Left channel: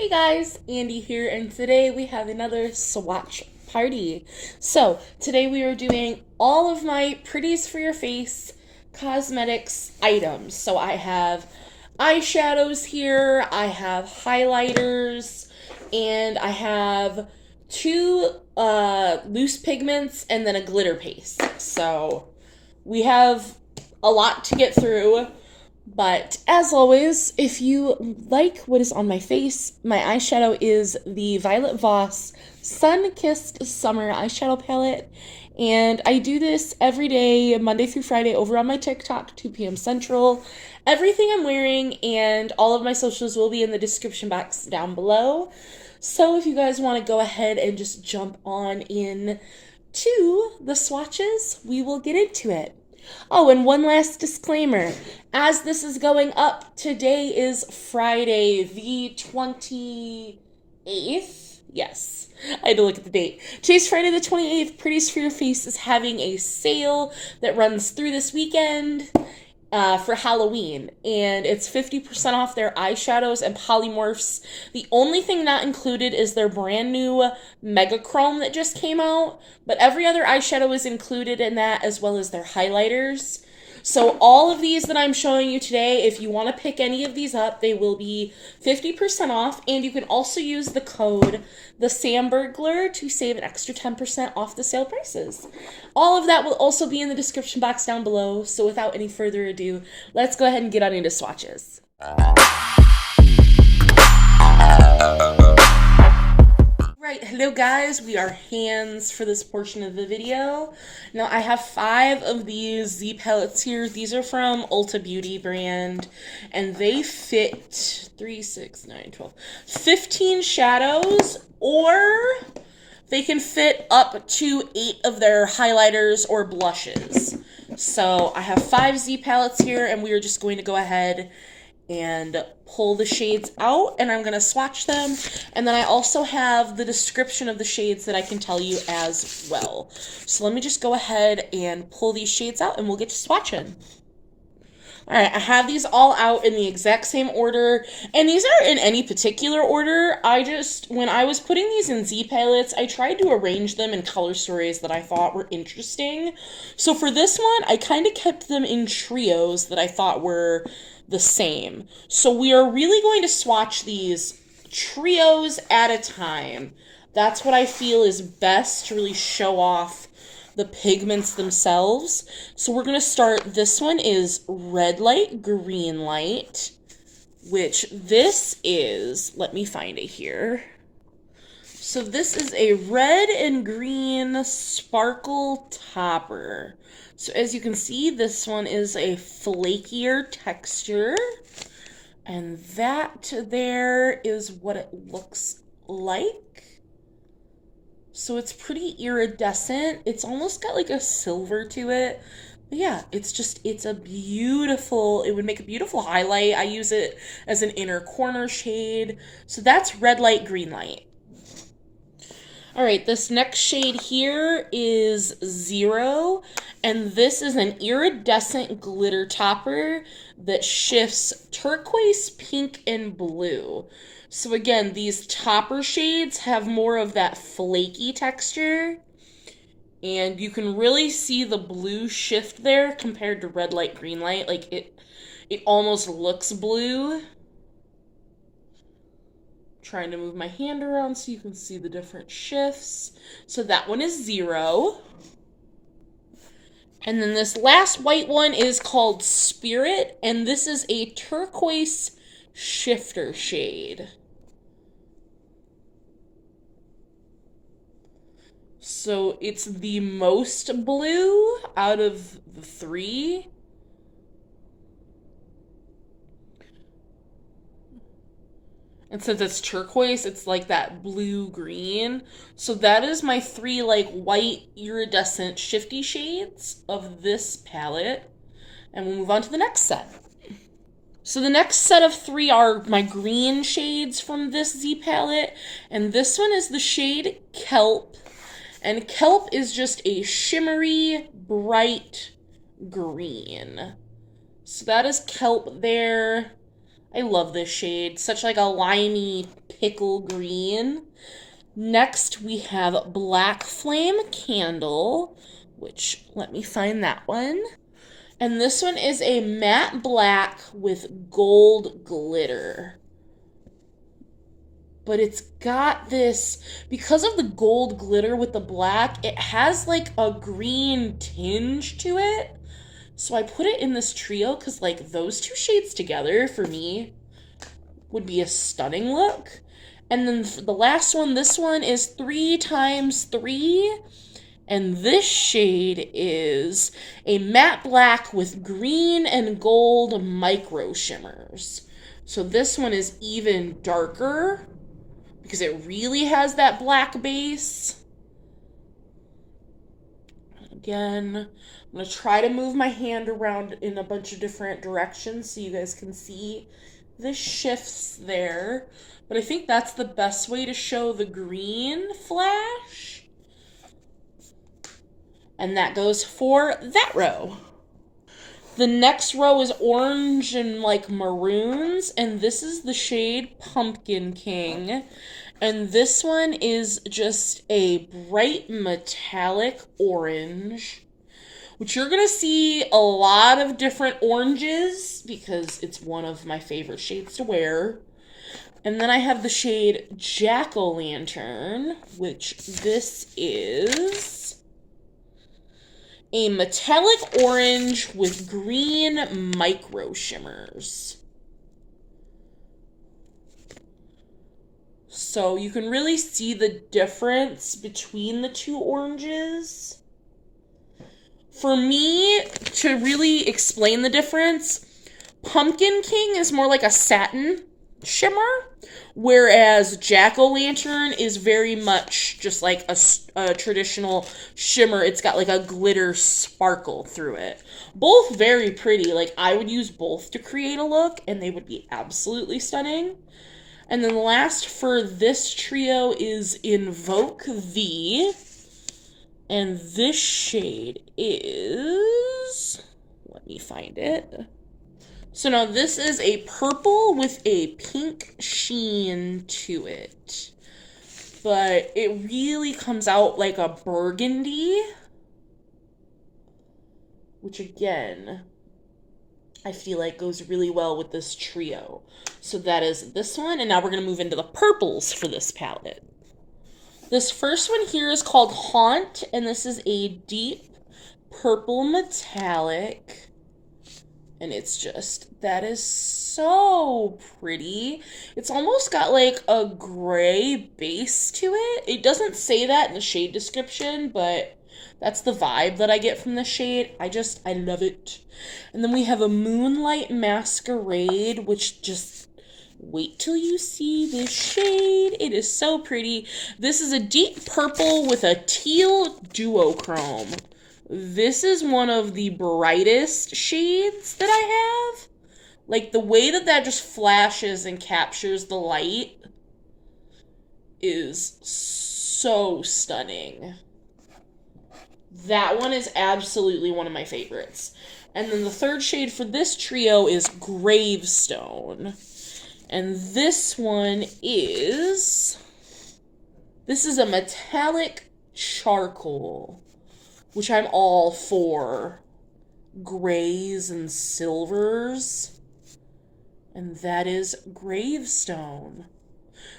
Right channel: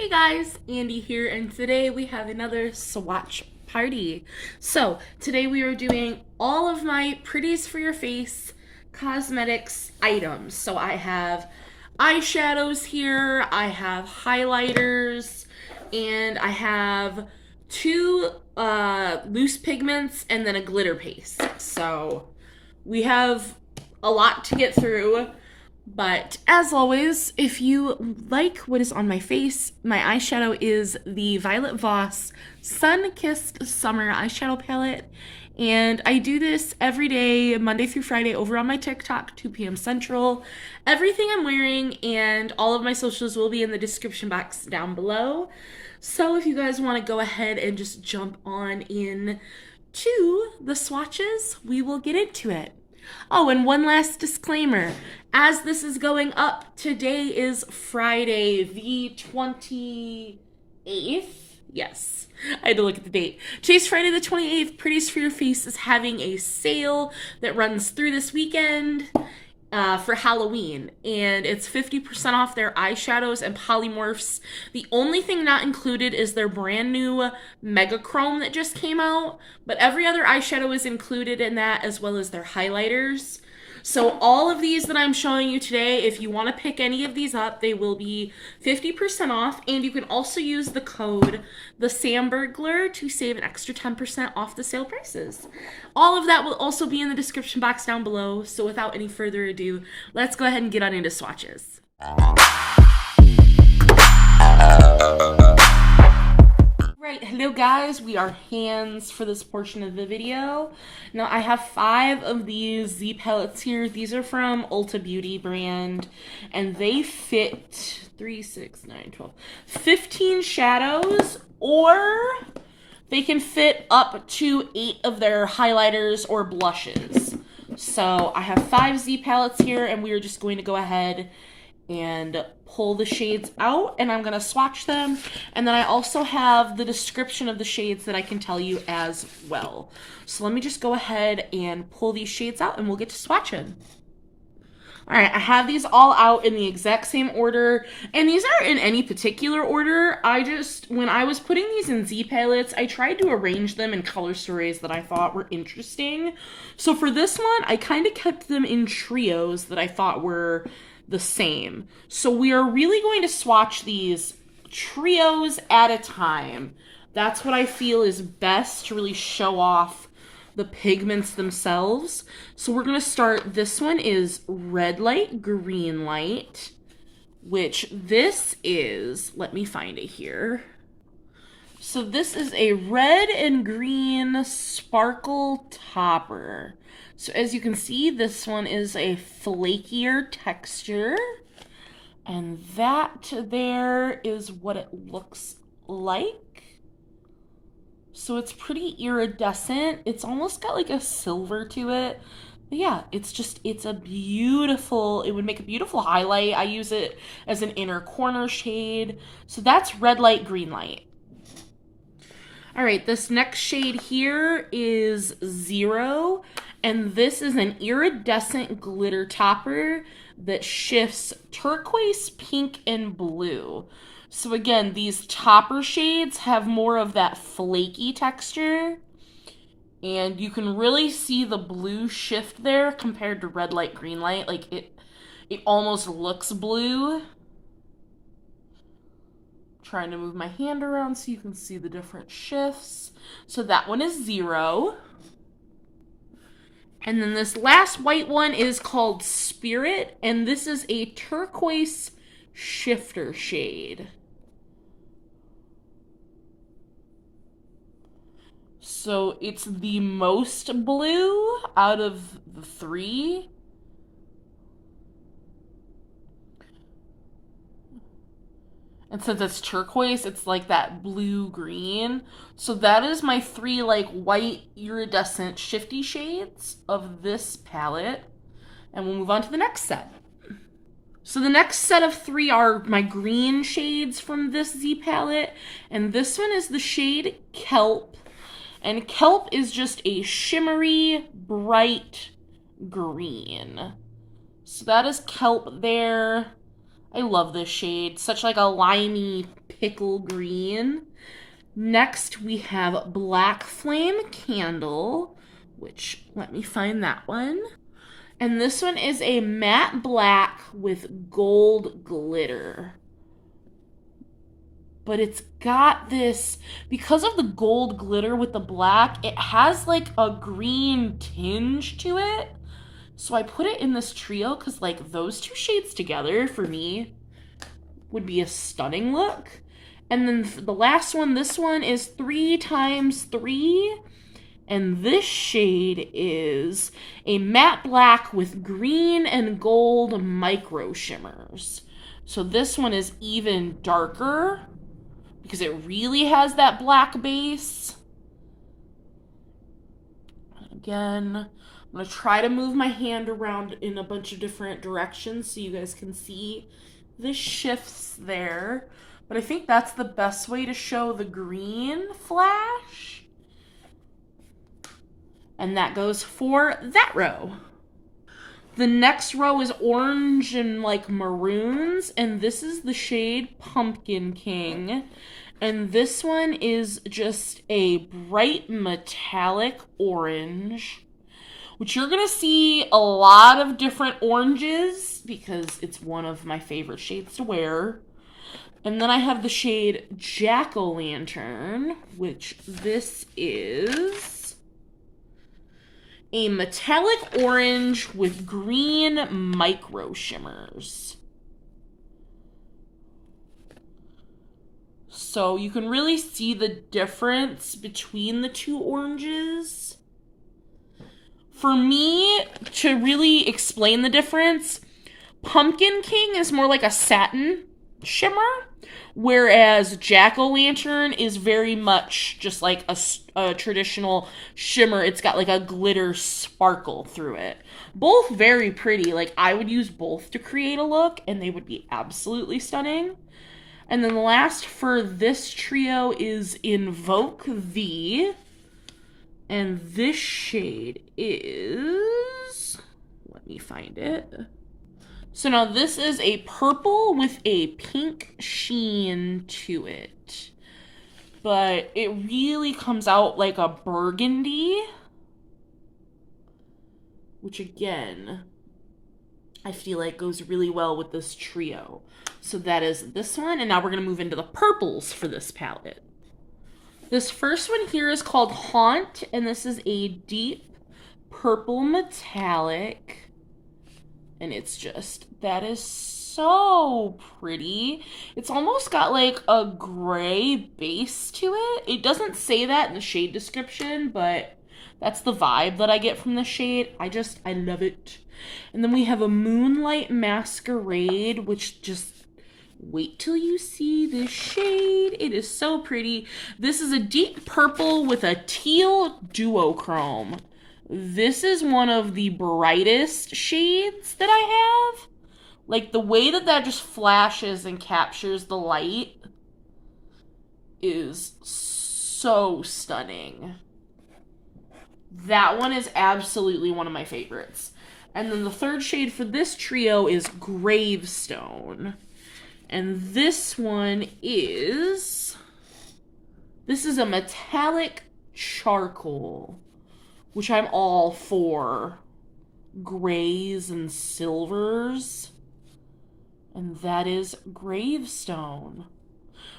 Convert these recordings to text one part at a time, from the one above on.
Hey guys, Andy here, and today we have another swatch party. So, today we are doing all of my Pretties for your face cosmetics items. So, I have eyeshadows here, I have highlighters, and I have two loose pigments and then a glitter paste. So, we have a lot to get through. But as always, if you like what is on my face, my eyeshadow is the Violet Voss Sun-Kissed Summer Eyeshadow Palette. And I do this every day, Monday through Friday, over on my TikTok, 2 p.m. Central. Everything I'm wearing and all of my socials will be in the description box down below. So if you guys want to go ahead and just jump on in to the swatches, we will get into it. Oh, and one last disclaimer. As this is going up, today is Friday the 28th. Yes, I had to look at the date. Today's Friday the 28th. Pretties for Your Face is having a sale that runs through this weekend for Halloween. And it's 50% off their eyeshadows and polymorphs. The only thing not included is their brand new Mega Chrome that just came out. But every other eyeshadow is included in that, as well as their highlighters. So all of these that I'm showing you today, if you want to pick any of these up, they will be 50% off. And you can also use the code thesamburglar to save an extra 10% off the sale prices. All of that will also be in the description box down below. So without any further ado, let's go ahead and get on into swatches. Right, hello guys, we are hands for this portion of the video. Now I have 5 of these Z palettes here. These are from Ulta Beauty brand, and they fit 3, 6, 9, 12, 15 shadows, or they can fit up to 8 of their highlighters or blushes. So I have 5 Z palettes here, and we are just going to go ahead and pull the shades out, and I'm going to swatch them. And then I also have the description of the shades that I can tell you as well. So let me just go ahead and pull these shades out, and we'll get to swatching. Alright, I have these all out in the exact same order, and these aren't in any particular order. When I was putting these in Z palettes, I tried to arrange them in color stories that I thought were interesting. So for this one, I kind of kept them in trios that I thought were the same. So we are really going to swatch these trios at a time. That's what I feel is best to really show off the pigments themselves. So we're going to start, this one is red light, green light, which this is, let me find it here. So this is a red and green sparkle topper. So as you can see, this one is a flakier texture, and that there is what it looks like. So it's pretty iridescent. It's almost got like a silver to it. But yeah, it's a beautiful, it would make a beautiful highlight. I use it as an inner corner shade. So that's red light, green light. All right, this next shade here is 0, and this is an iridescent glitter topper that shifts turquoise, pink, and blue. So again, these topper shades have more of that flaky texture, and you can really see the blue shift there compared to red light, green light. Like it almost looks blue. Trying to move my hand around so you can see the different shifts. So that one is 0. And then this last white one is called Spirit, and this is a turquoise shifter shade. So it's the most blue out of the 3. And since it's turquoise, it's like that blue-green. So that is my 3 like white iridescent shifty shades of this palette. And we'll move on to the next set. So the next set of 3 are my green shades from this Z palette. And this one is the shade Kelp. And Kelp is just a shimmery, bright green. So that is Kelp there. I love this shade. Such like a limey pickle green. Next, we have Black Flame Candle, which, let me find that one. And this one is a matte black with gold glitter. But it's got this, because of the gold glitter with the black, it has like a green tinge to it. So I put it in this trio because like those two shades together for me would be a stunning look. And then the last one, this one is 3x3. And this shade is a matte black with green and gold micro shimmers. So this one is even darker because it really has that black base. Again, I'm going to try to move my hand around in a bunch of different directions so you guys can see this shifts there. But I think that's the best way to show the green flash. And that goes for that row. The next row is orange and like maroons, and this is the shade Pumpkin King. And this one is just a bright metallic orange, which you're gonna see a lot of different oranges because it's one of my favorite shades to wear. And then I have the shade Jack-o'-lantern, which this is a metallic orange with green micro shimmers. So you can really see the difference between the two oranges. For me, to really explain the difference, Pumpkin King is more like a satin shimmer, whereas Jack-o'-lantern is very much just like a traditional shimmer. It's got like a glitter sparkle through it. Both very pretty. Like, I would use both to create a look, and they would be absolutely stunning. And then last for this trio is Invoke V. And this shade is... let me find it. So now this is a purple with a pink sheen to it. But it really comes out like a burgundy. Which again, I feel like goes really well with this trio. So that is this one, and now we're going to move into the purples for this palette. This first one here is called Haunt, and this is a deep purple metallic. And it's just, that is so pretty. It's almost got like a gray base to it. It doesn't say that in the shade description, but that's the vibe that I get from the shade. I love it. And then we have a Moonlight Masquerade, which just, wait till you see this shade. It is so pretty. This is a deep purple with a teal duochrome. This is one of the brightest shades that I have. Like, the way that that just flashes and captures the light is so stunning. That one is absolutely one of my favorites. And then the third shade for this trio is Gravestone. And this one is... this is a metallic charcoal, which I'm all for. Grays and silvers. And that is Gravestone.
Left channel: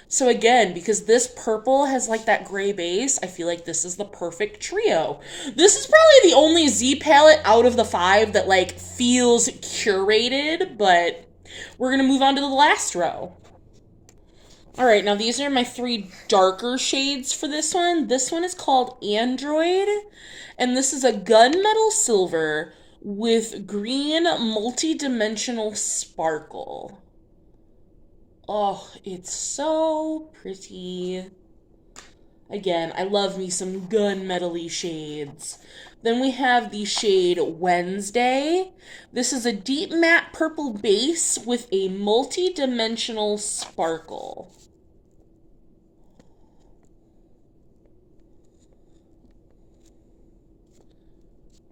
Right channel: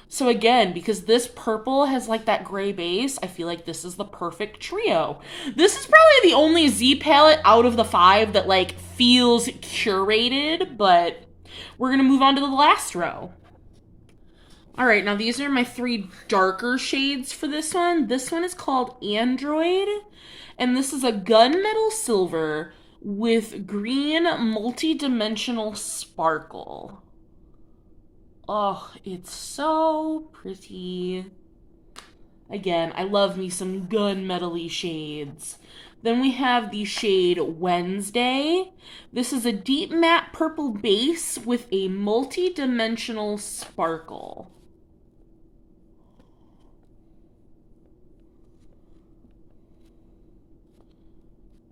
So again, because this purple has like that gray base, I feel like this is the perfect trio. This is probably the only Z palette out of the 5 that like feels curated, but we're gonna move on to the last row. All right, now these are my 3 darker shades for this one. This one is called Android, and this is a gunmetal silver with green multi-dimensional sparkle. Oh, it's so pretty. Again, I love me some gunmetal-y shades. Then we have the shade Wednesday. This is a deep matte purple base with a multi-dimensional sparkle.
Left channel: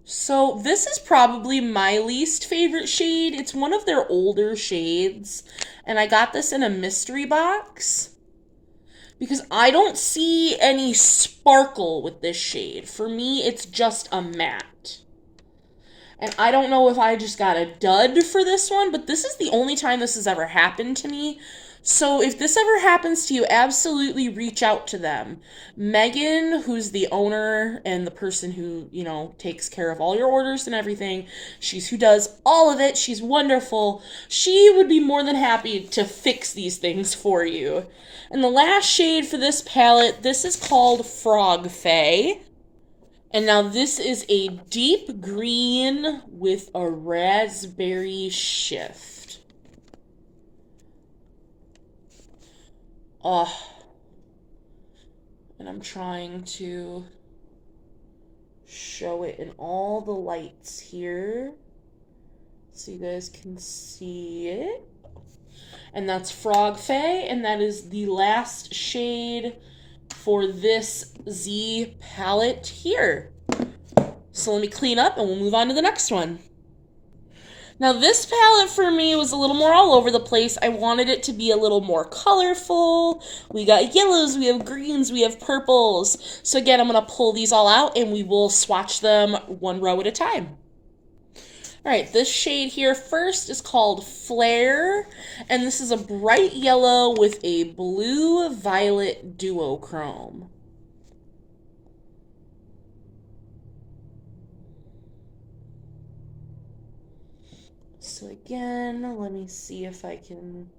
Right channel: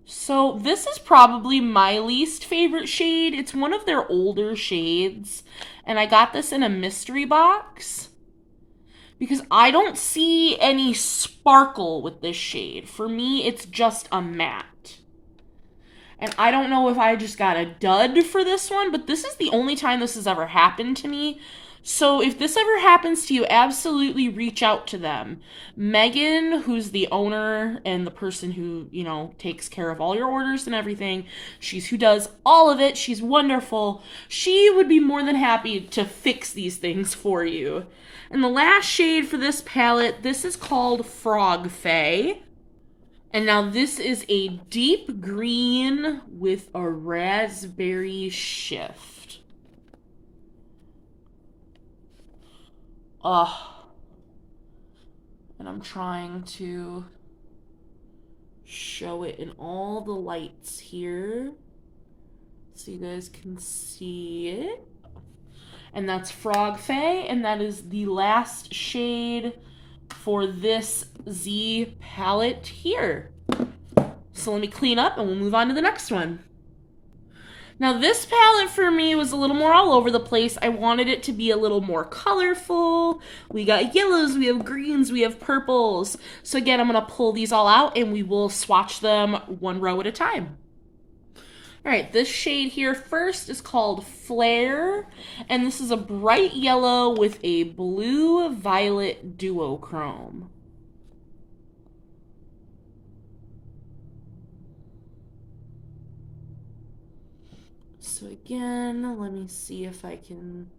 So this is probably my least favorite shade. It's one of their older shades, And I got this in a mystery box because I don't see any sparkle with this shade. For me, it's just a matte. And I don't know if I just got a dud for this one, but this is the only time this has ever happened to me. So if this ever happens to you, absolutely reach out to them. Megan, who's the owner and the person who, you know, takes care of all your orders and everything, she's who does all of it. She's wonderful. She would be more than happy to fix these things for you. And the last shade for this palette, this is called Frog Fae. And now this is a deep green with a raspberry shift. And I'm trying to show it in all the lights here so you guys can see it. And that's Frog Fae, and that is the last shade for this Z palette here. So let me clean up and we'll move on to the next one. Now this palette for me was a little more all over the place. I wanted it to be a little more colorful. We got yellows, we have greens, we have purples. So again, I'm gonna pull these all out and we will swatch them one row at a time. All right, this shade here first is called Flare, and this is a bright yellow with a blue-violet duochrome. So again, let me see if I can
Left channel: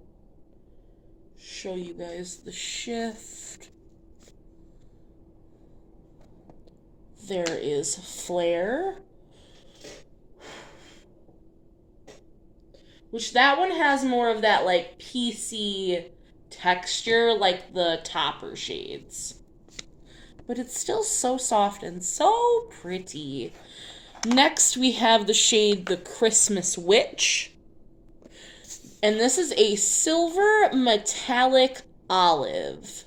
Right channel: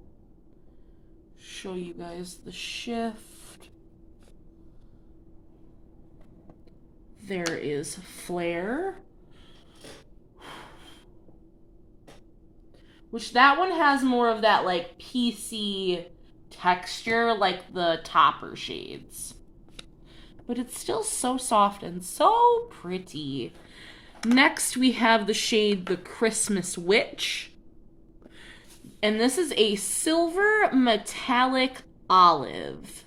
show you guys the shift. There is Flare, which that one has more of that like PC texture like the topper shades. But it's still so soft and so pretty. Next we have the shade The Christmas Witch. And this is a silver metallic olive.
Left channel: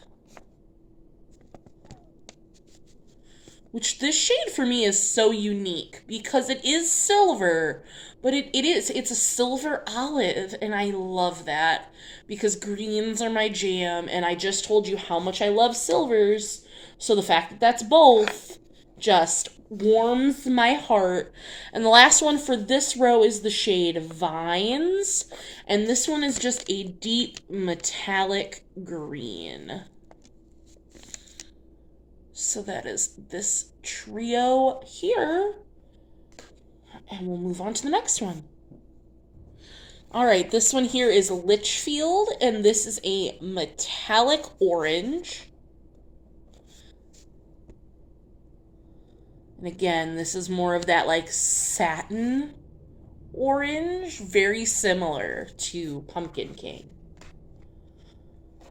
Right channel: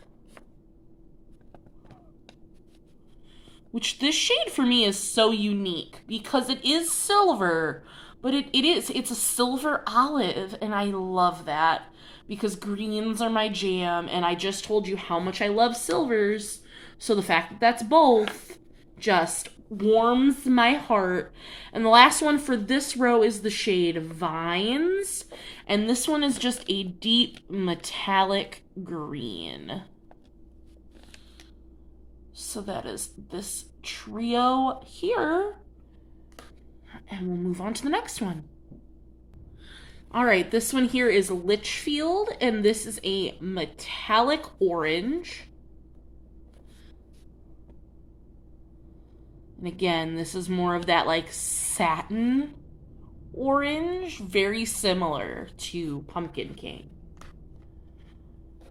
Which this shade for me is so unique because it is silver, but it's a silver olive, and I love that because greens are my jam, and I just told you how much I love silvers, so the fact that that's both just warms my heart. And the last one for this row is the shade Vines, and this one is just a deep metallic green. So that is this trio here. And we'll move on to the next one. All right, this one here is Litchfield, and this is a metallic orange. And again, this is more of that like satin orange, very similar to Pumpkin King.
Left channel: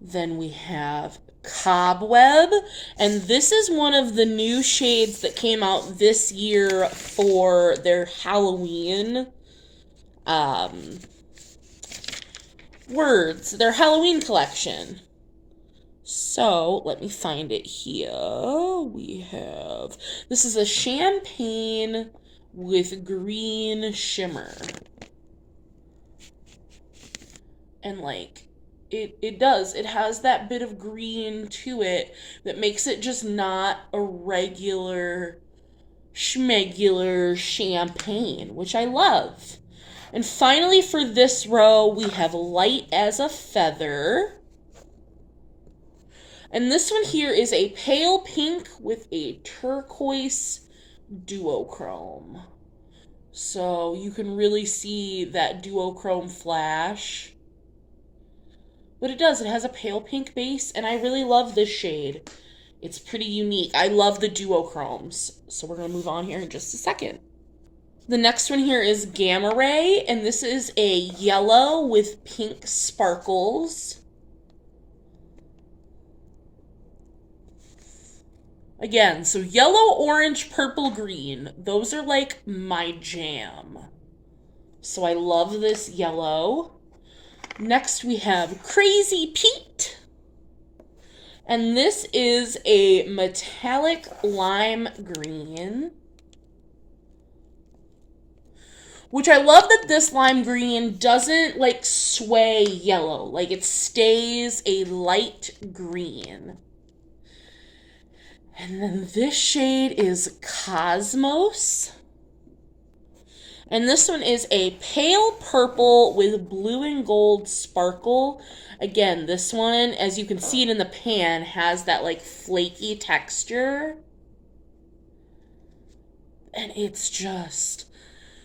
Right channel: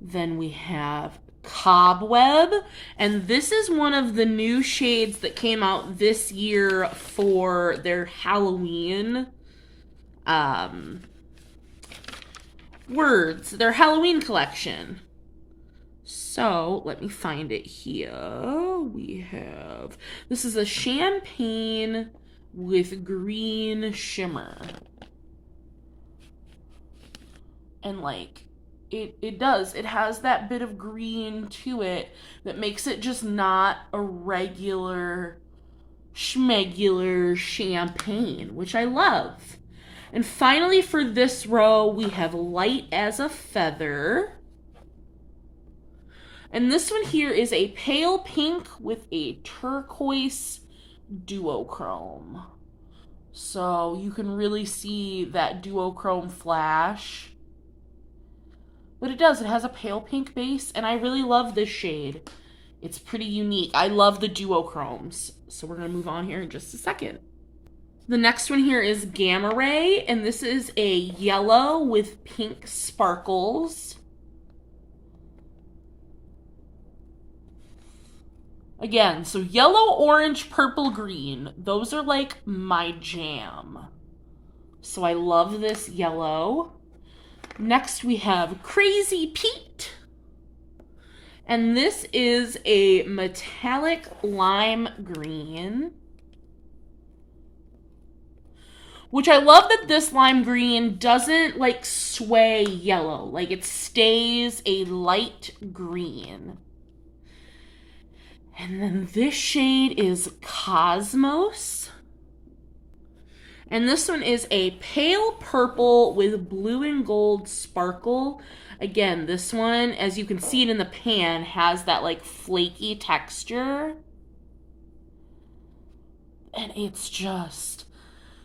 Then we have Cobweb, and this is one of the new shades that came out this year for their Halloween their Halloween collection. So let me find it here. We have, this is a champagne with green shimmer, and like it has that bit of green to it that makes it just not a regular schmegular champagne, which I love. And finally for this row, we have Light as a Feather. And this one here is a pale pink with a turquoise duochrome. So you can really see that duochrome flash. But it has a pale pink base, and I really love this shade. It's pretty unique. I love the duochromes. So we're going to move on here in just a second. The next one here is Gamma Ray, and this is a yellow with pink sparkles. Again, so yellow, orange, purple, green. Those are like my jam. So I love this yellow. Next we have Crazy Pete. And this is a metallic lime green, Which I love that this lime green doesn't like sway yellow. Like it stays a light green. And then this shade is Cosmos. And this one is a pale purple with blue and gold sparkle. Again, this one, as you can see it in the pan, has that like flaky texture. And it's just...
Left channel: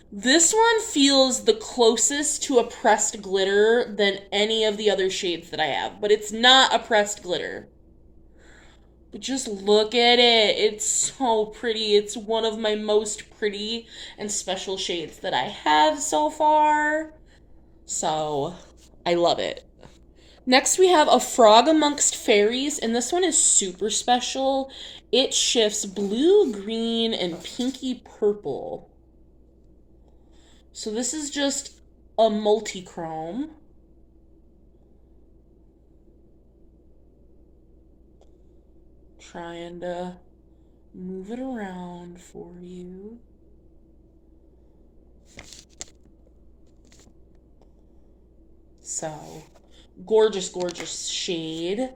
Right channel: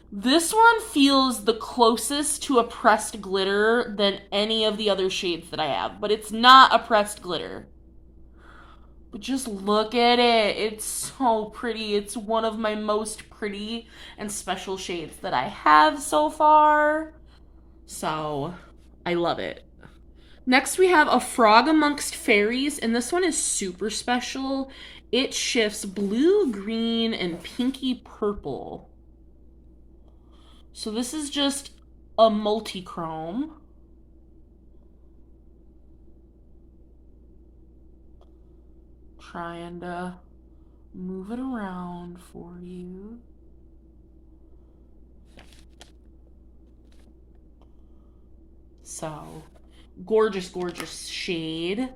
This one feels the closest to a pressed glitter than any of the other shades that I have. But it's not a pressed glitter. But just look at it. It's so pretty. It's one of my most pretty and special shades that I have so far. So, I love it. Next we have A Frog Amongst Fairies, and this one is super special. It shifts blue, green, and pinky purple. So this is just a multi-chrome. Trying to move it around for you. So, gorgeous, gorgeous shade.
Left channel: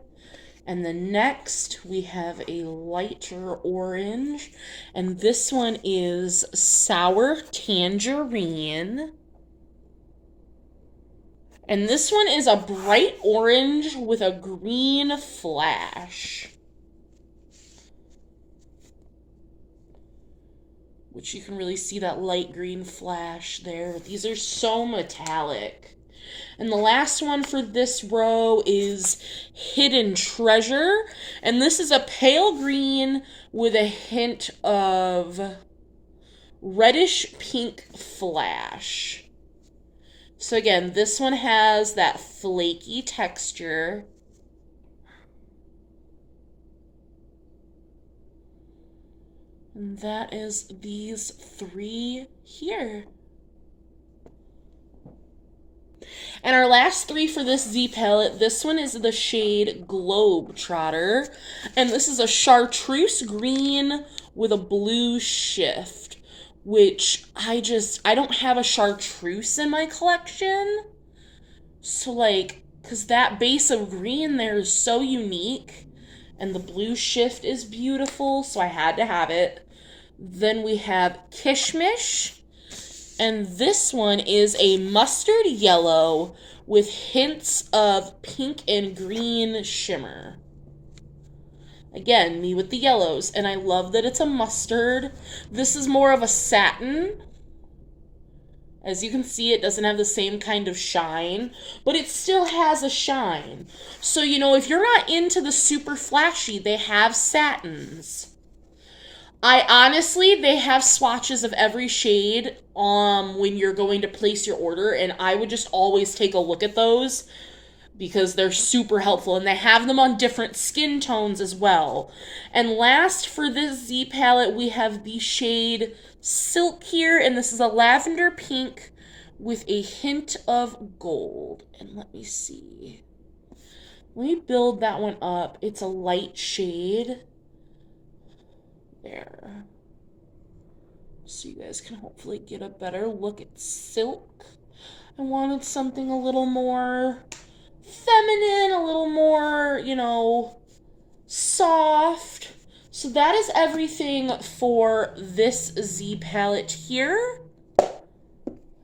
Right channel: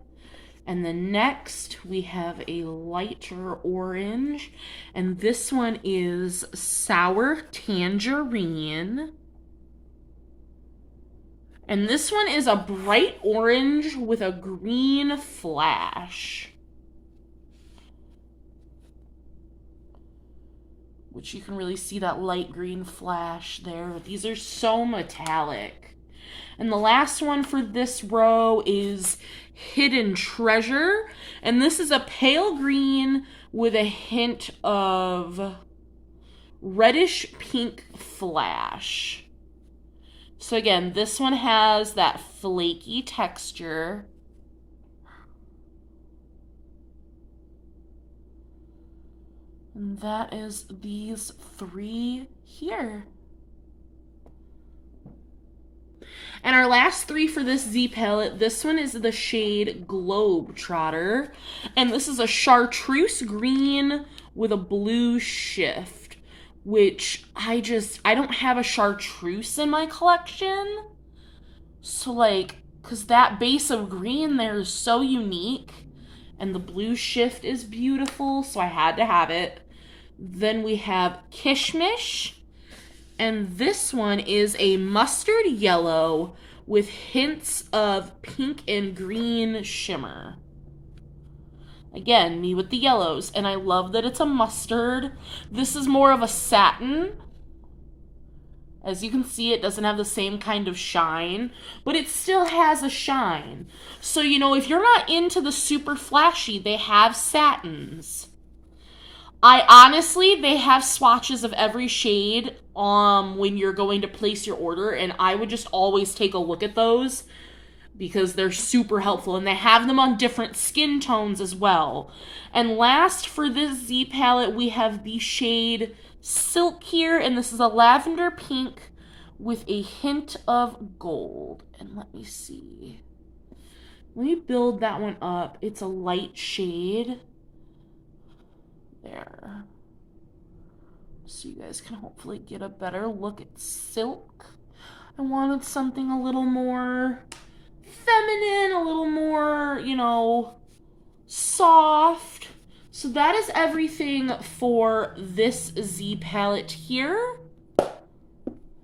And then next we have a lighter orange, and this one is Sour Tangerine. And this one is a bright orange with a green flash. Which you can really see that light green flash there. These are so metallic. And the last one for this row is Hidden Treasure. And this is a pale green with a hint of reddish pink flash. So again, this one has that flaky texture. And that is these three here. And our last three for this Z palette, this one is the shade Globetrotter. And this is a chartreuse green with a blue shift. Which I don't have a chartreuse in my collection. So like, because that base of green there is so unique. And the blue shift is beautiful, so I had to have it. Then we have Kishmish. And this one is a mustard yellow with hints of pink and green shimmer. Again, me with the yellows. And I love that it's a mustard. This is more of a satin. As you can see, it doesn't have the same kind of shine, but it still has a shine. So, you know, if you're not into the super flashy, they have satins. They have swatches of every shade when you're going to place your order, and I would just always take a look at those because they're super helpful, and they have them on different skin tones as well. And last for this Z palette, we have the shade Silk here, and this is a lavender pink with a hint of gold. And let me see. Let me build that one up. It's a light shade. There. So you guys can hopefully get a better look at Silk. I wanted something a little more feminine, a little more, you know, soft. So that is everything for this Z palette here.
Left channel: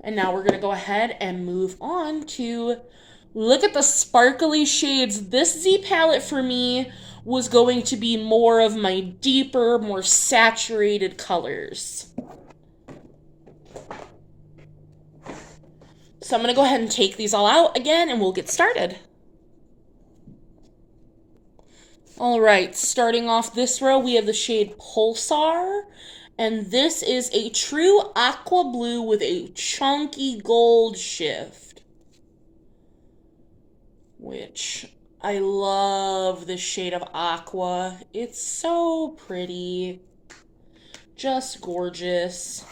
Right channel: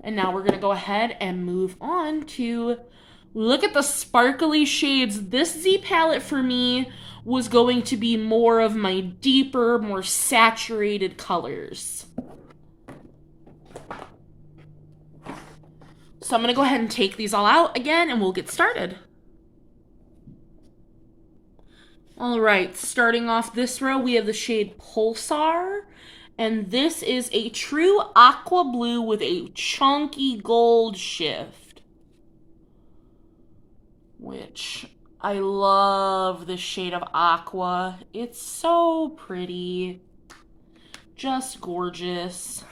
And now we're going to go ahead and move on to look at the sparkly shades. This Z palette for me was going to be more of my deeper, more saturated colors. So I'm going to go ahead and take these all out again and we'll get started. All right, starting off this row, we have the shade Pulsar, and this is a true aqua blue with a chunky gold shift, which I love this shade of aqua. It's so pretty, just gorgeous.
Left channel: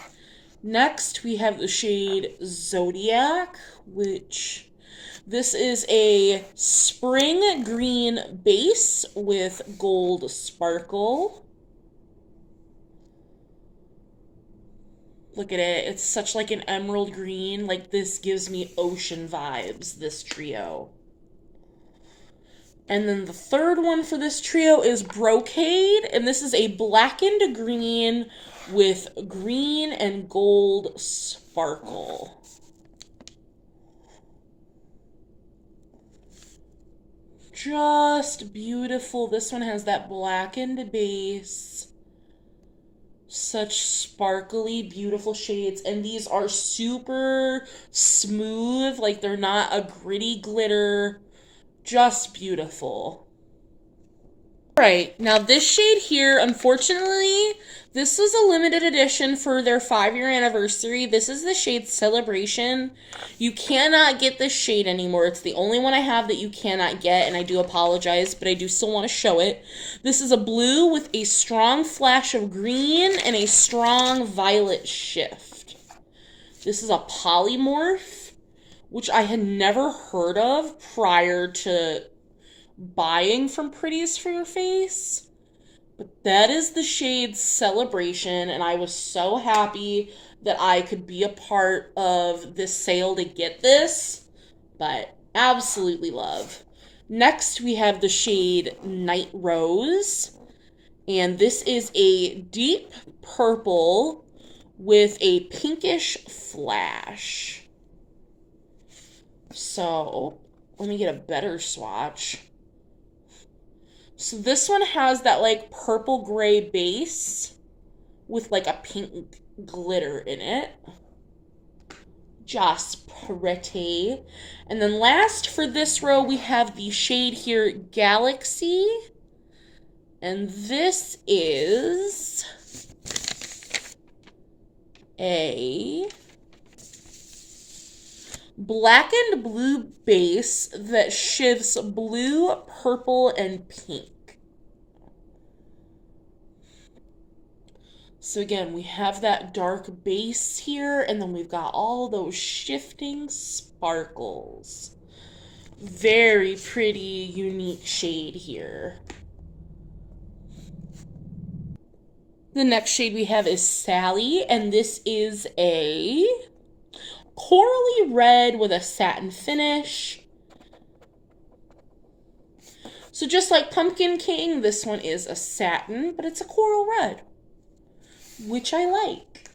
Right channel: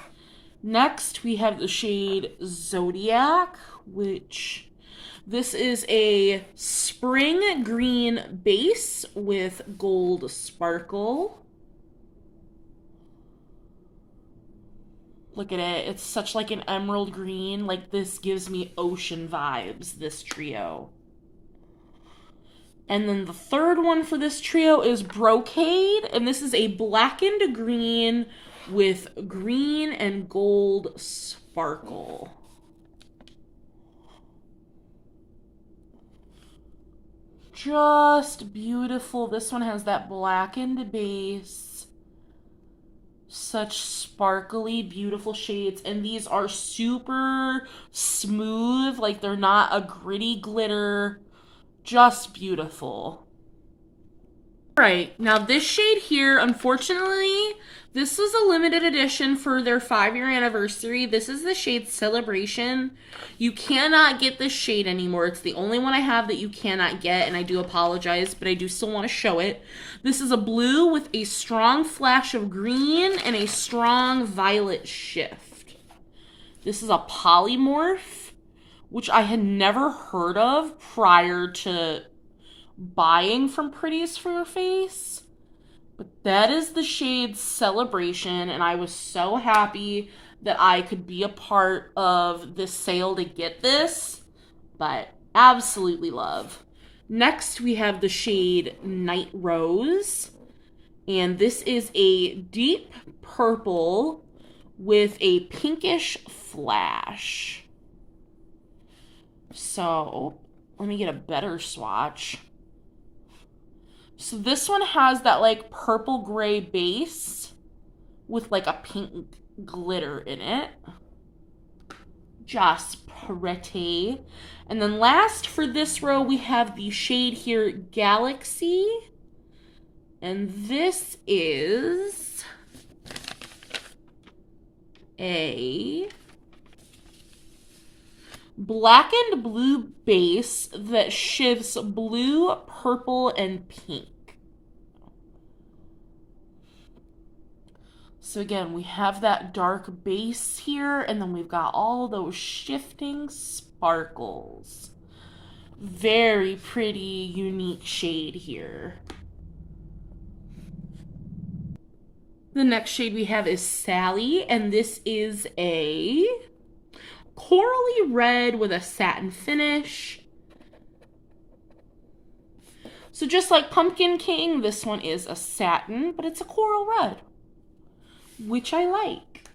Next, we have the shade Zodiac, which this is a spring green base with gold sparkle. Look at it. It's such like an emerald green. Like this gives me ocean vibes, this trio. And then the third one for this trio is Brocade, and this is a blackened green with green and gold sparkle. Just beautiful. This one has that blackened base. Such sparkly, beautiful shades. And these are super smooth. Like they're not a gritty glitter. Just beautiful. Alright, now this shade here, unfortunately, this was a limited edition for their 5-year anniversary. This is the shade Celebration. You cannot get this shade anymore. It's the only one I have that you cannot get, and I do apologize, but I do still want to show it. This is a blue with a strong flash of green and a strong violet shift. This is a polymorph, which I had never heard of prior to buying from Pretties for your face. But that is the shade Celebration, and I was so happy that I could be a part of this sale to get this, but absolutely love. Next, we have the shade Night Rose, and this is a deep purple with a pinkish flash. So, let me get a better swatch. So this one has that like purple gray base with like a pink glitter in it. Just pretty. And then last for this row, we have the shade here, Galaxy. And this is a blackened blue base that shifts blue, purple, and pink. So again, we have that dark base here, and then we've got all those shifting sparkles. Very pretty, unique shade here. The next shade we have is Sally, and this is a corally red with a satin finish. So just like Pumpkin King, this one is a satin, but it's a coral red, which I like.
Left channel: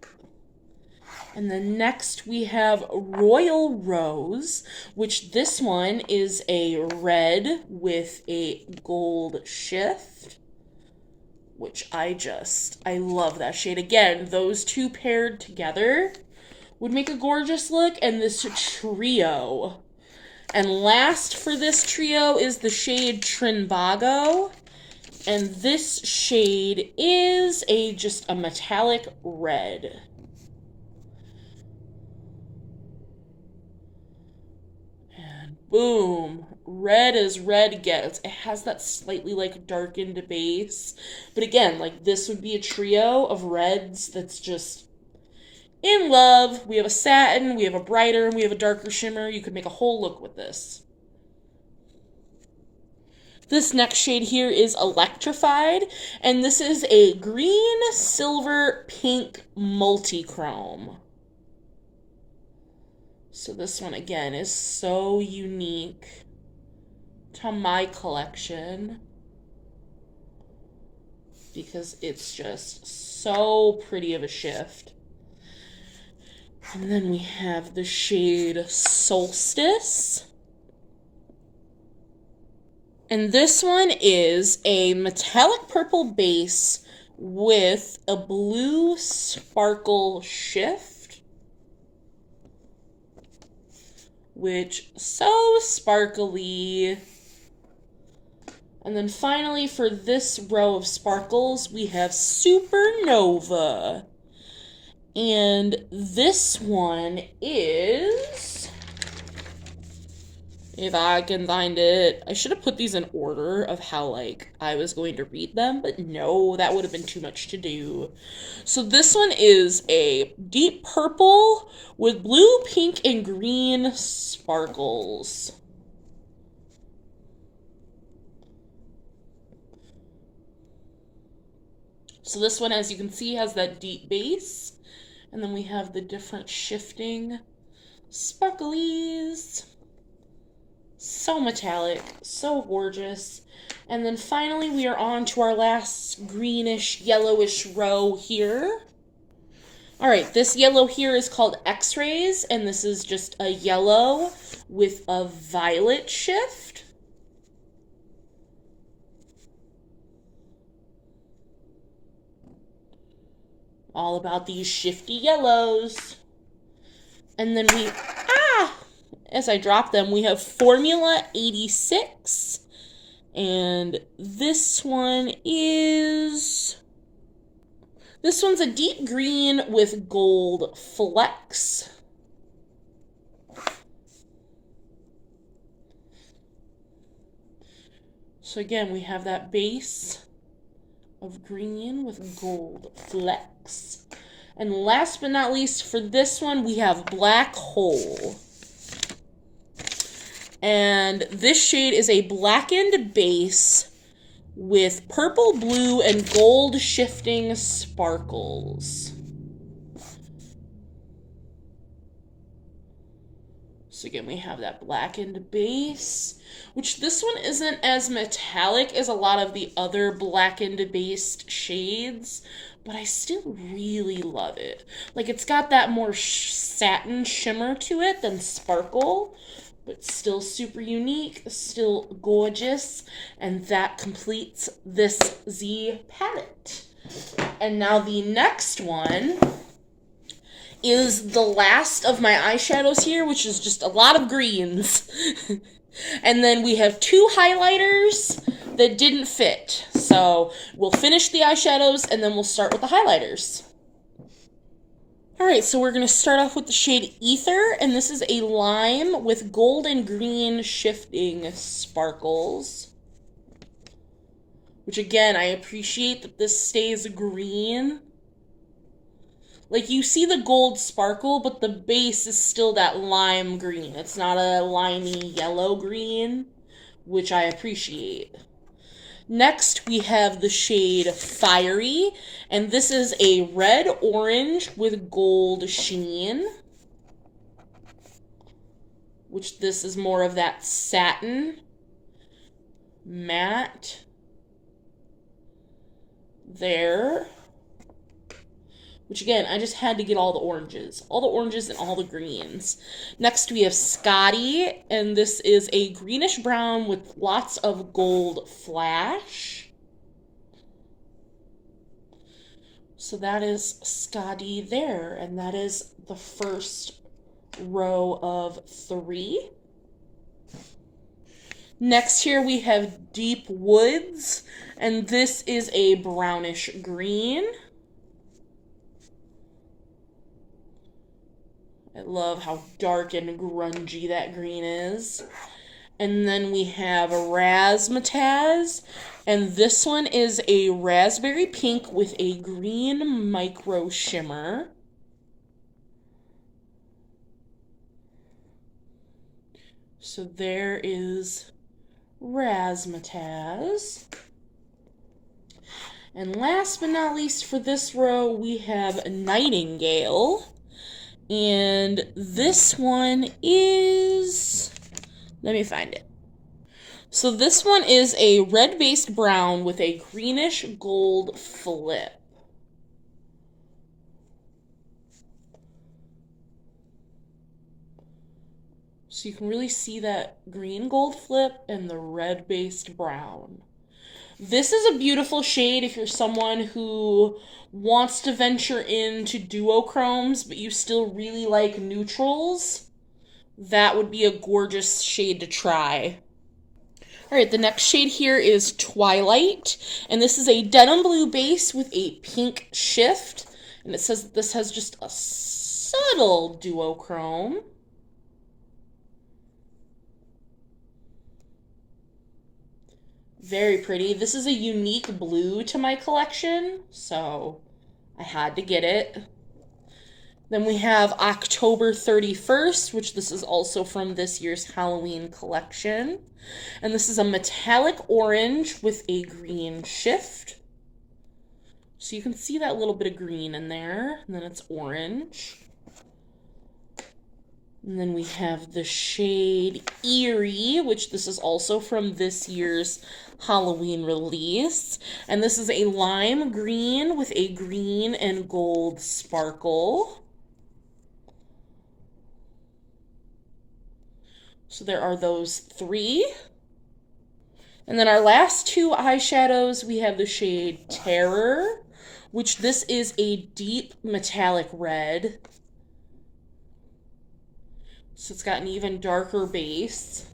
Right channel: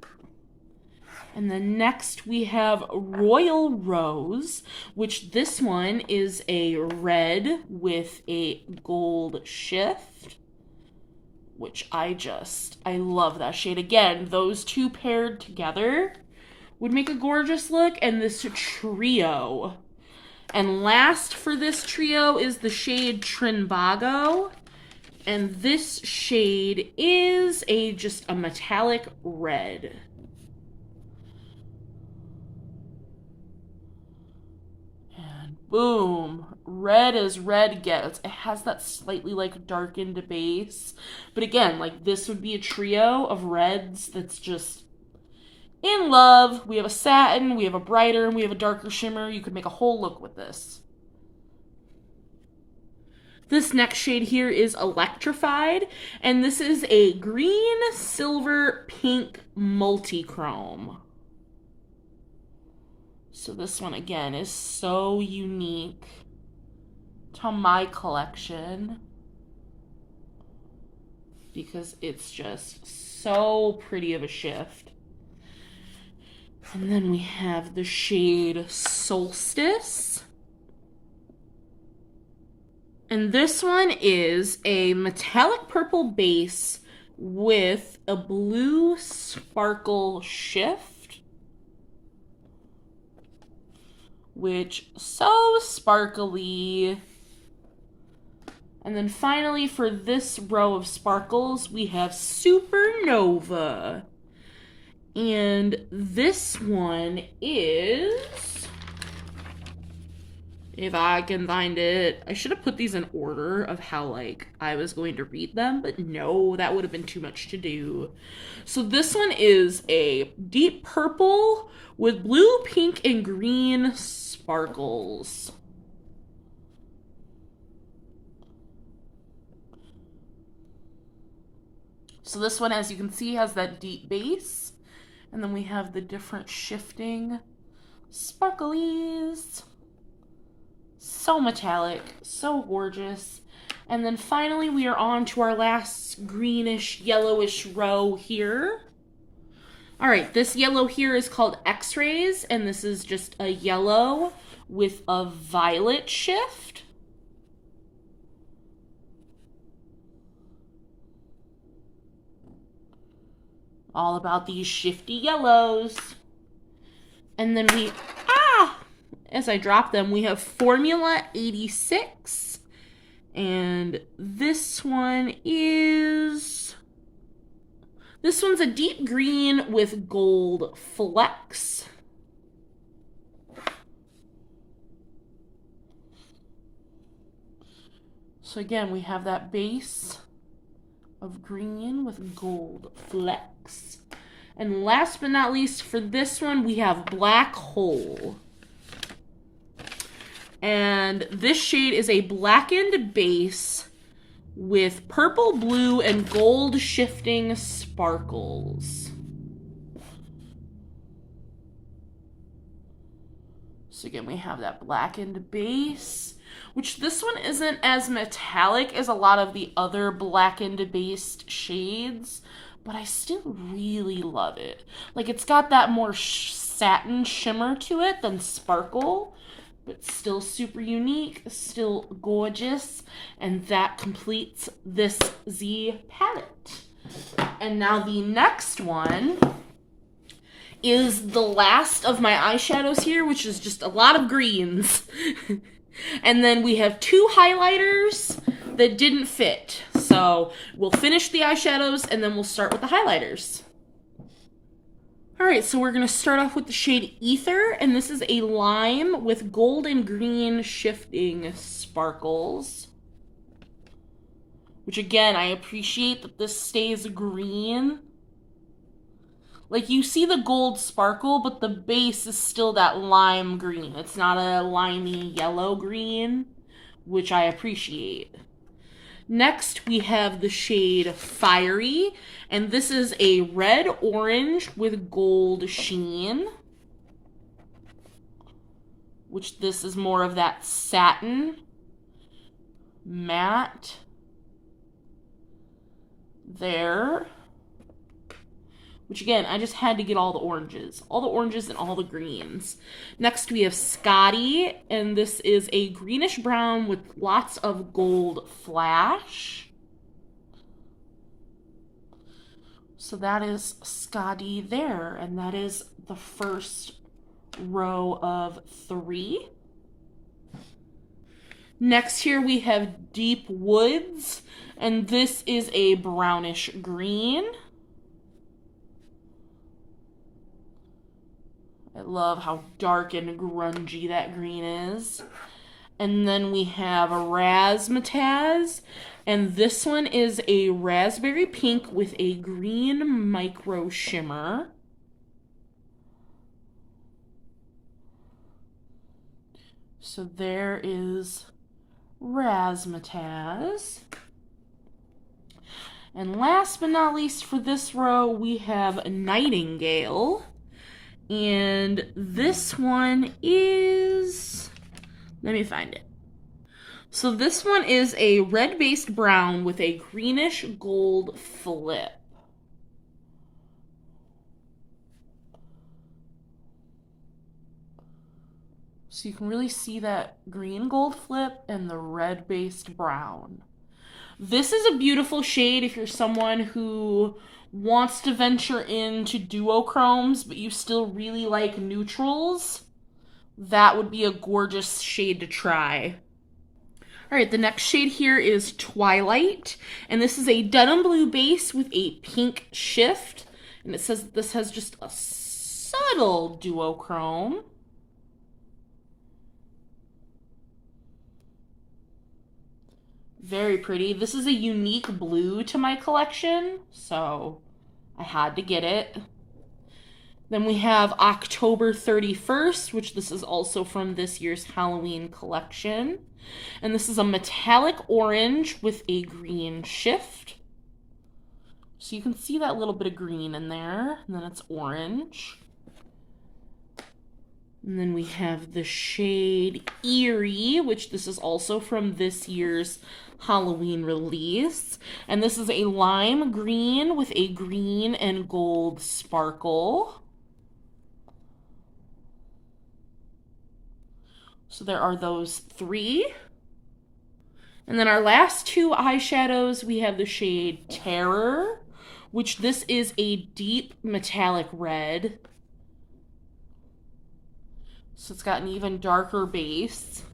And then next we have Royal Rose, which this one is a red with a gold shift, which I love that shade. Again, those two paired together would make a gorgeous look, and this trio. And last for this trio is the shade Trinbago, and this shade is just a metallic red. And boom, red as red gets. It has that slightly like darkened base, but again, like this would be a trio of reds that's just in love. We have a satin, we have a brighter, and we have a darker shimmer. You could make a whole look with this. This next shade here is Electrified, and this is a green, silver, pink multi-chrome. So this one, again, is so unique to my collection because it's just so pretty of a shift. And then we have the shade Solstice. And this one is a metallic purple base with a blue sparkle shift, which so sparkly. And then finally for this row of sparkles, we have Supernova. And this one is, if I can find it, I should have put these in order of how like I was going to read them, but no, that would have been too much to do. So this one is a deep purple with blue, pink, and green sparkles. So this one, as you can see, has that deep base. And then we have the different shifting sparklies. So metallic, so gorgeous. And then finally we are on to our last greenish, yellowish row here. All right, this yellow here is called X-rays, and this is just a yellow with a violet shift. All about these shifty yellows. And then we, as I drop them, we have Formula 86. And this one's a deep green with gold flecks. So again, we have that base of green with gold flecks. And last but not least, for this one, we have Black Hole. And this shade is a blackened base with purple, blue, and gold shifting sparkles. So again, we have that blackened base, which this one isn't as metallic as a lot of the other blackened based shades, but I still really love it. Like, it's got that more satin shimmer to it than sparkle, but still super unique, still gorgeous, and that completes this Z palette. And now the next one is the last of my eyeshadows here, which is just a lot of greens. And then we have two highlighters that didn't fit. So we'll finish the eyeshadows and then we'll start with the highlighters. Alright, so we're going to start off with the shade Ether, and this is a lime with gold and green shifting sparkles. Which again, I appreciate that this stays green. Like, you see the gold sparkle, but the base is still that lime green. It's not a limey yellow green, which I appreciate. Next, we have the shade Fiery, and this is a red-orange with gold sheen, which this is more of that satin matte there, which again, I just had to get all the oranges and all the greens. Next, we have Scotty, and this is a greenish brown with lots of gold flash. So that is Scotty there, and that is the first row of 3. Next here we have Deep Woods, and this is a brownish green. I love how dark and grungy that green is. And then we have a Razzmatazz, and this one is a raspberry pink with a green micro shimmer. So there is Razzmatazz. And last but not least for this row, we have Nightingale. And this one is, let me find it. So this one is a red-based brown with a greenish gold flip. So you can really see that green gold flip and the red-based brown. This is a beautiful shade if you're someone who wants to venture into duochromes, but you still really like neutrals. That would be a gorgeous shade to try. Alright, the next shade here is Twilight, and this is a denim blue base with a pink shift, and it says this has just a subtle duochrome. Very pretty. This is a unique blue to my collection, so I had to get it. Then we have October 31st, which this is also from this year's Halloween collection. And this is a metallic orange with a green shift. So you can see that little bit of green in there, and then it's orange. And then we have the shade Eerie, which this is also from this year's Halloween release. And this is a lime green with a green and gold sparkle. So there are those three. And then our last two eyeshadows, we have the shade Terror, which this is a deep metallic red. So it's got an even darker base.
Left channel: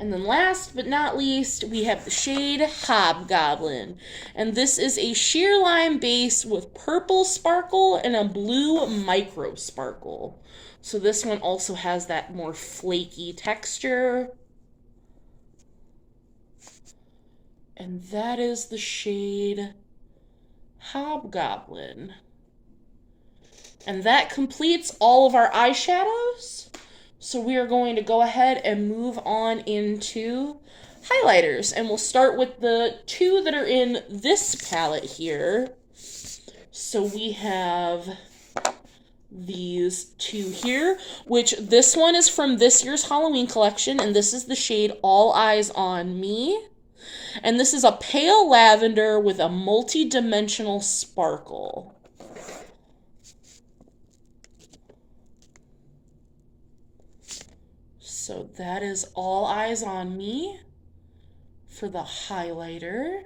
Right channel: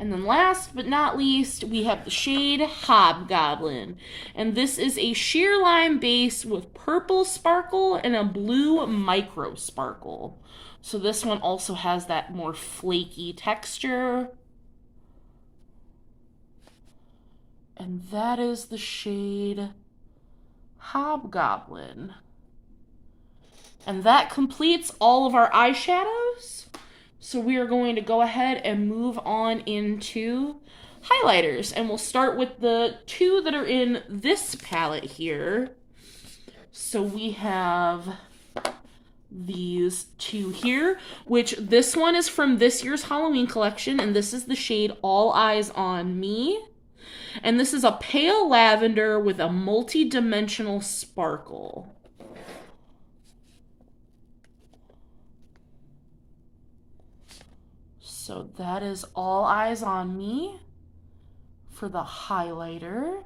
And then last but not least, we have the shade Hobgoblin. And this is a sheer lime base with purple sparkle and a blue micro sparkle. So this one also has that more flaky texture. And that is the shade Hobgoblin. And that completes all of our eyeshadows. So we are going to go ahead and move on into highlighters. And we'll start with the two that are in this palette here. So we have these two here, which this one is from this year's Halloween collection. And this is the shade All Eyes on Me. And this is a pale lavender with a multi-dimensional sparkle. So that is All Eyes on Me for the highlighter.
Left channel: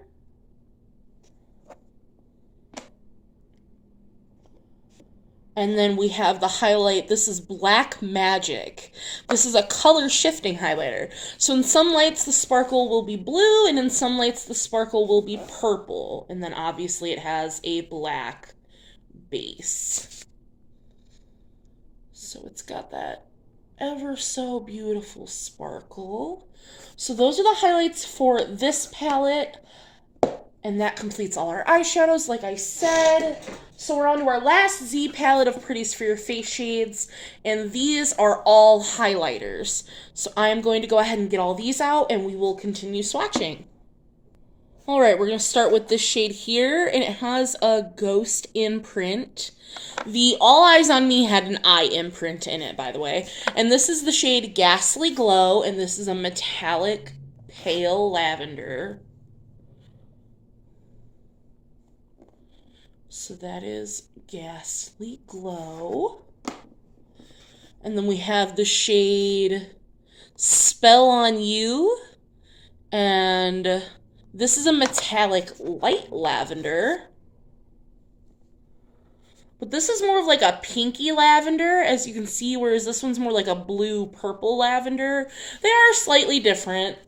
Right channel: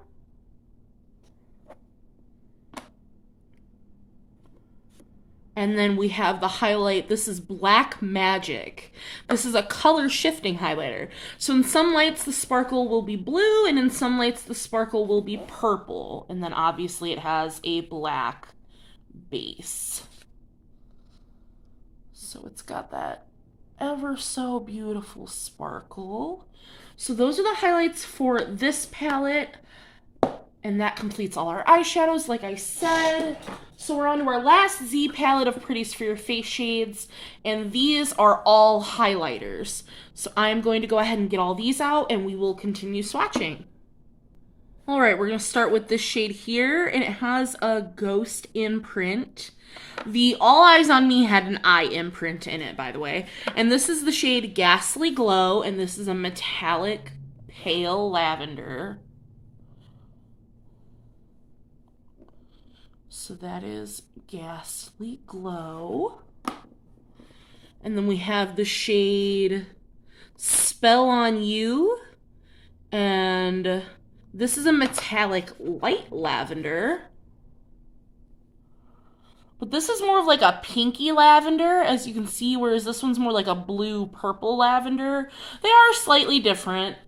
And then we have the highlight. This is Black Magic. This is a color shifting highlighter. So in some lights the sparkle will be blue, and in some lights the sparkle will be purple. And then obviously it has a black base. So it's got that ever so beautiful sparkle. So those are the highlights for this palette. And that completes all our eyeshadows, like I said. So we're on to our last Z palette of Pretties for your face shades. And these are all highlighters. So I'm going to go ahead and get all these out, and we will continue swatching. All right, we're going to start with this shade here, and it has a ghost imprint. The All Eyes on Me had an eye imprint in it, by the way. And this is the shade Ghastly Glow, and this is a metallic pale lavender. So that is Ghastly Glow. And then we have the shade Spell on You. And this is a metallic light lavender. But this is more of like a pinky lavender, as you can see, whereas this one's more like a blue-purple lavender. They are slightly different.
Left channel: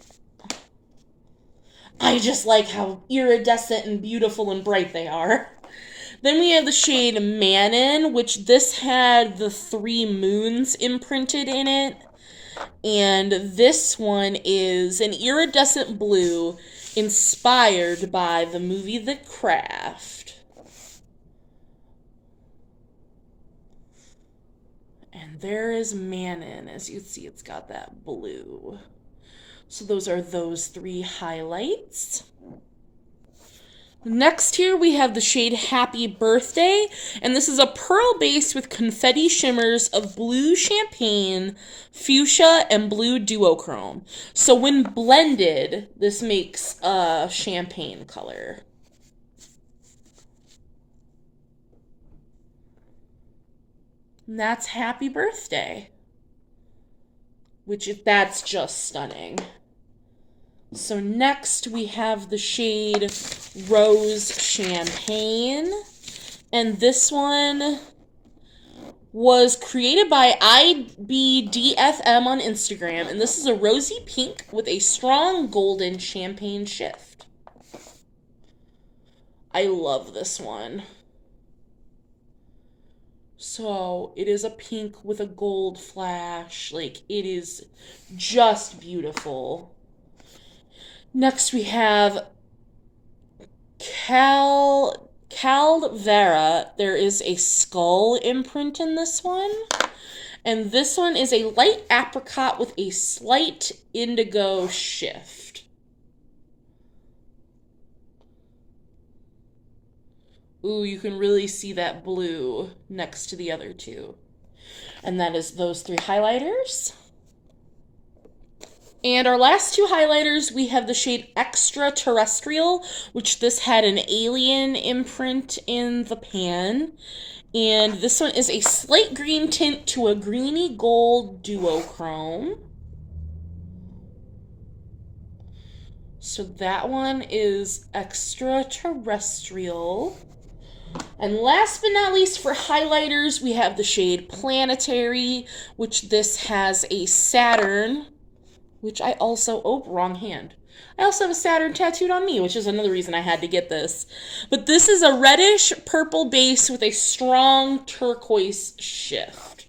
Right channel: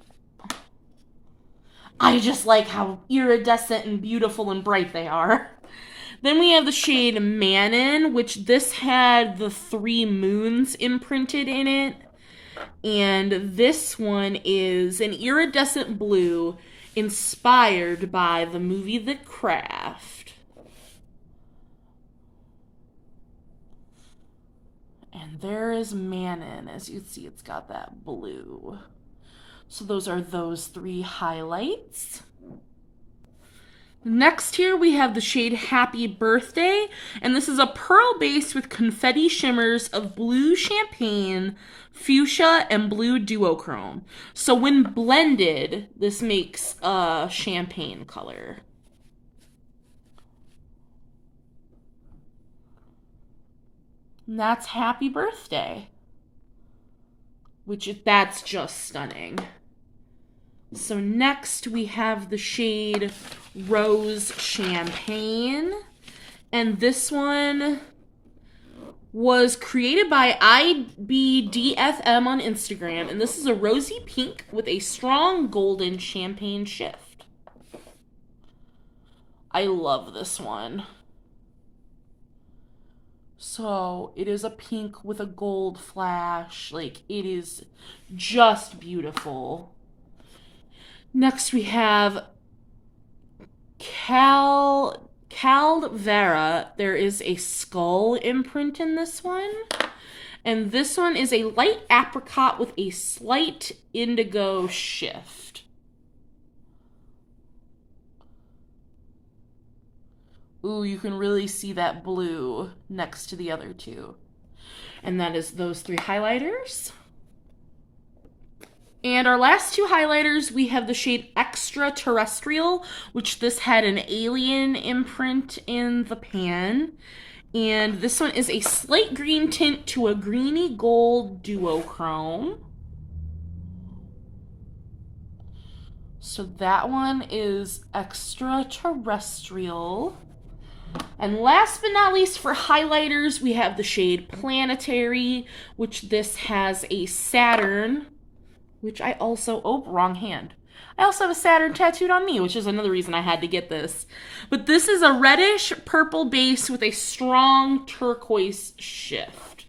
I just like how iridescent and beautiful and bright they are. Then we have the shade Manon, which this had the 3 moons imprinted in it. And this one is an iridescent blue inspired by the movie The Craft. And there is Manon. As you can see, it's got that blue. So those are those 3 highlights. Next here we have the shade Happy Birthday, and this is a pearl base with confetti shimmers of blue champagne, fuchsia, and blue duochrome. So when blended, this makes a champagne color. And that's Happy Birthday, that's just stunning. So next we have the shade Rose Champagne, and this one was created by IBDFM on Instagram, and this is a rosy pink with a strong golden champagne shift. I love this one. So it is a pink with a gold flash, like it is just beautiful. Next we have Calvera. There is a skull imprint in this one. And this one is a light apricot with a slight indigo shift. Ooh, you can really see that blue next to the other two. And that is those three highlighters. And our last two highlighters, we have the shade Extraterrestrial, which this had an alien imprint in the pan. And this one is a slight green tint to a greeny gold duochrome. So that one is Extraterrestrial. And last but not least for highlighters, we have the shade Planetary, which this has a Saturn, which I also, oh, wrong hand. I also have a Saturn tattooed on me, which is another reason I had to get this. But this is a reddish purple base with a strong turquoise shift.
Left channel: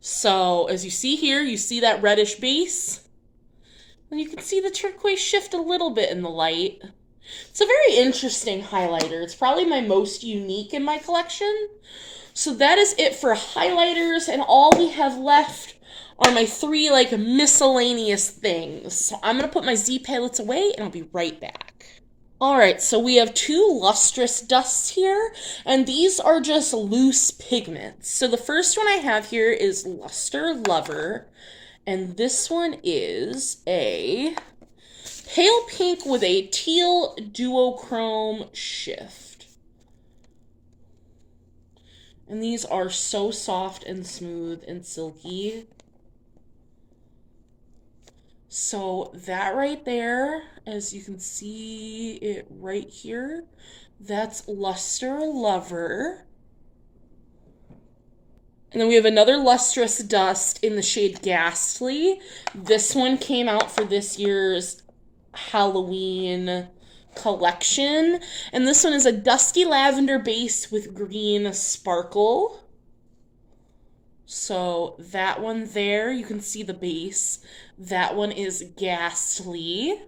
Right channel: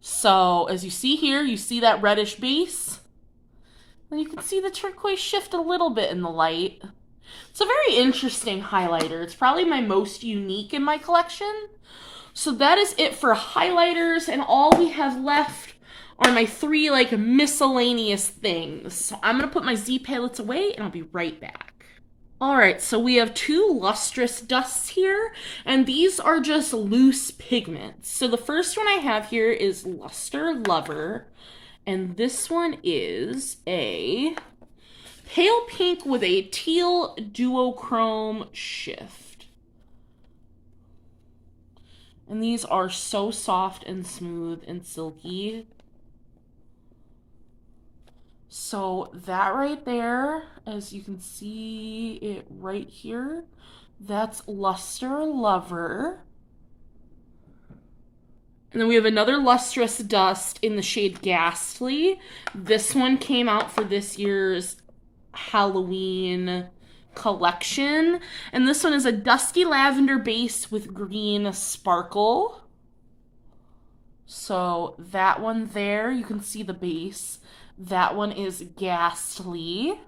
So as you see here, you see that reddish base. And you can see the turquoise shift a little bit in the light. It's a very interesting highlighter. It's probably my most unique in my collection. So that is it for highlighters, and all we have left are my three like miscellaneous things. So I'm gonna put my Z palettes away and I'll be right back. All right, so we have two lustrous dusts here, and these are just loose pigments. So the first one I have here is Luster Lover, and this one is a pale pink with a teal duochrome shift. And these are so soft and smooth and silky. So that right there, as you can see it right here, that's Luster Lover. And then we have another lustrous dust in the shade Ghastly. This one came out for this year's Halloween collection. And this one is a dusty lavender base with green sparkle. So that one there, you can see the base. That one is Ghastly.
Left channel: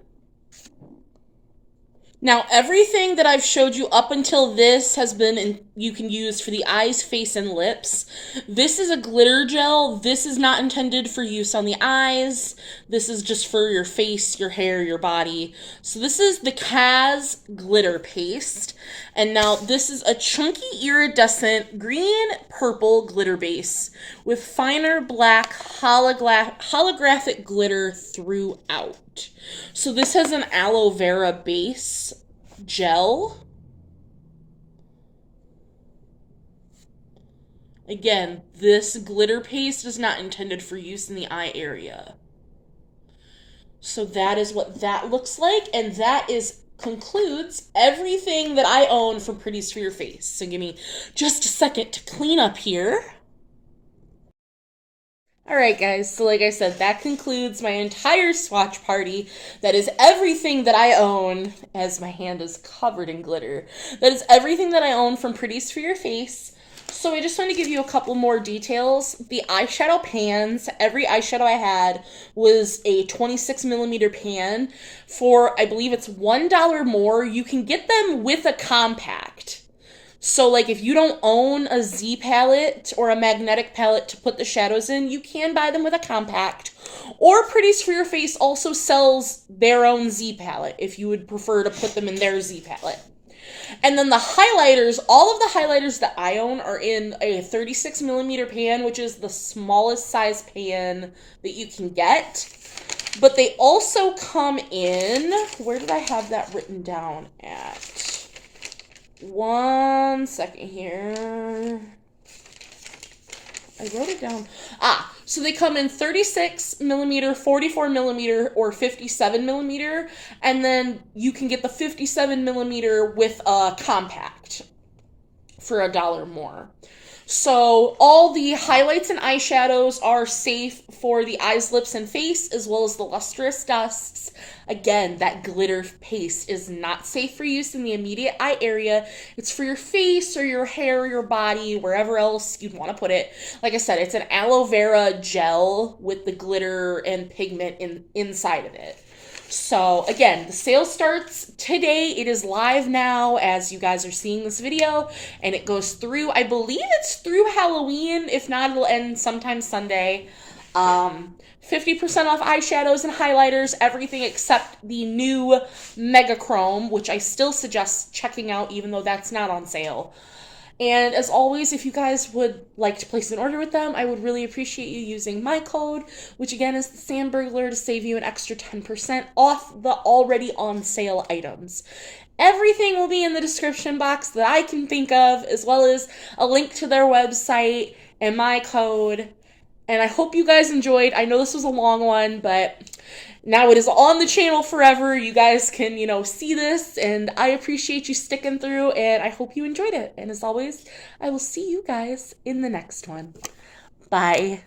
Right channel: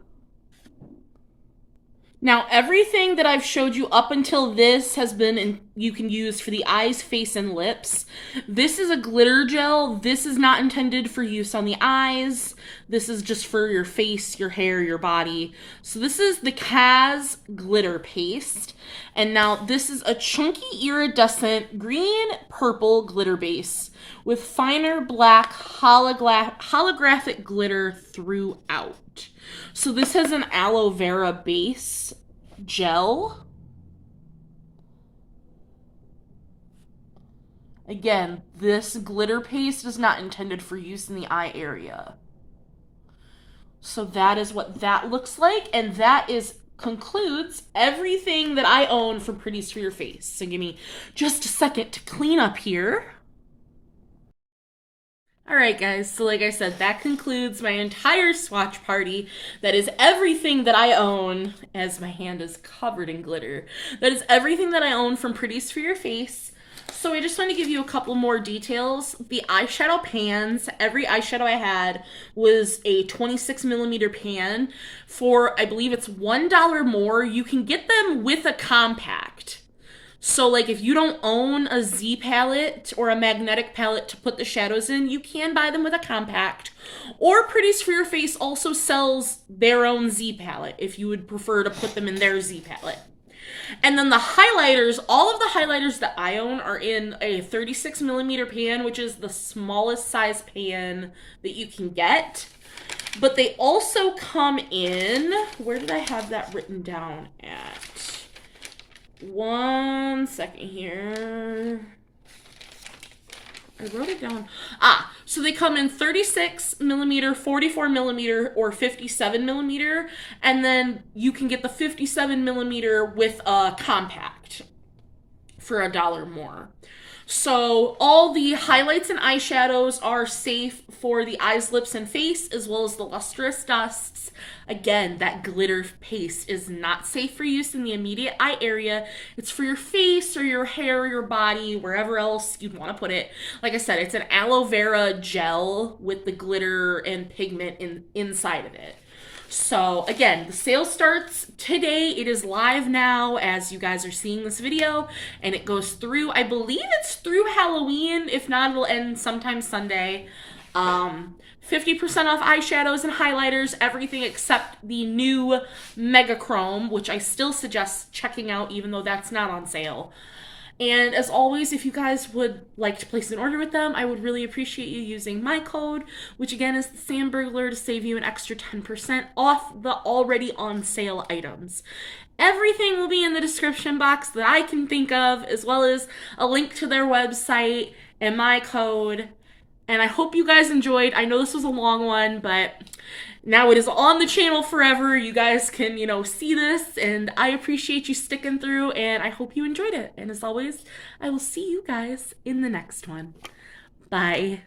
Now, everything that I've showed you up until this has been, you can use for the eyes, face, and lips. This is a glitter gel. This is not intended for use on the eyes. This is just for your face, your hair, your body. So this is the Kaz glitter paste. And now this is a chunky iridescent green-purple glitter base with finer black holographic glitter throughout. So this has an aloe vera base gel. Again, this glitter paste is not intended for use in the eye area. So that is what that looks like, and that concludes everything that I own from Pretties for Your Face. So give me just a second to clean up here. Alright guys, so like I said, that concludes my entire swatch party. That is everything that I own, as my hand is covered in glitter. That is everything that I own from Pretties for Your Face. So I just want to give you a couple more details. The eyeshadow pans, every eyeshadow I had was a 26mm pan. For, I believe it's $1 more, you can get them with a compact. So like if you don't own a Z palette or a magnetic palette to put the shadows in, you can buy them with a compact. Or Pretties for Your Face also sells their own Z palette if you would prefer to put them in their Z palette. And then the highlighters, all of the highlighters that I own are in a 36mm pan, which is the smallest size pan that you can get. But they also come in, where did I have that written down at? One second here. I wrote it down. So they come in 36mm, 44mm, or 57mm, and then you can get the 57mm with a compact for $1 more. So all the highlights and eyeshadows are safe for the eyes, lips, and face, as well as the lustrous dusts. Again, that glitter paste is not safe for use in the immediate eye area. It's for your face or your hair, your body, wherever else you'd want to put it. Like I said, it's an aloe vera gel with the glitter and pigment inside of it. So again, the sale starts today. It is live now as you guys are seeing this video, and it goes through, I believe it's through Halloween. If not, it'll end sometime Sunday. 50% off eyeshadows and highlighters, everything except the new Mega Chrome, which I still suggest checking out even though that's not on sale. And as always, if you guys would like to place an order with them, I would really appreciate you using my code, which again is thesamburglar, to save you an extra 10% off the already on sale items. Everything will be in the description box that I can think of, as well as a link to their website and my code. And I hope you guys enjoyed. I know this was a long one, but now it is on the channel forever. You guys can, see this, and I appreciate you sticking through, and I hope you enjoyed it. And as always, I will see you guys in the next one. Bye.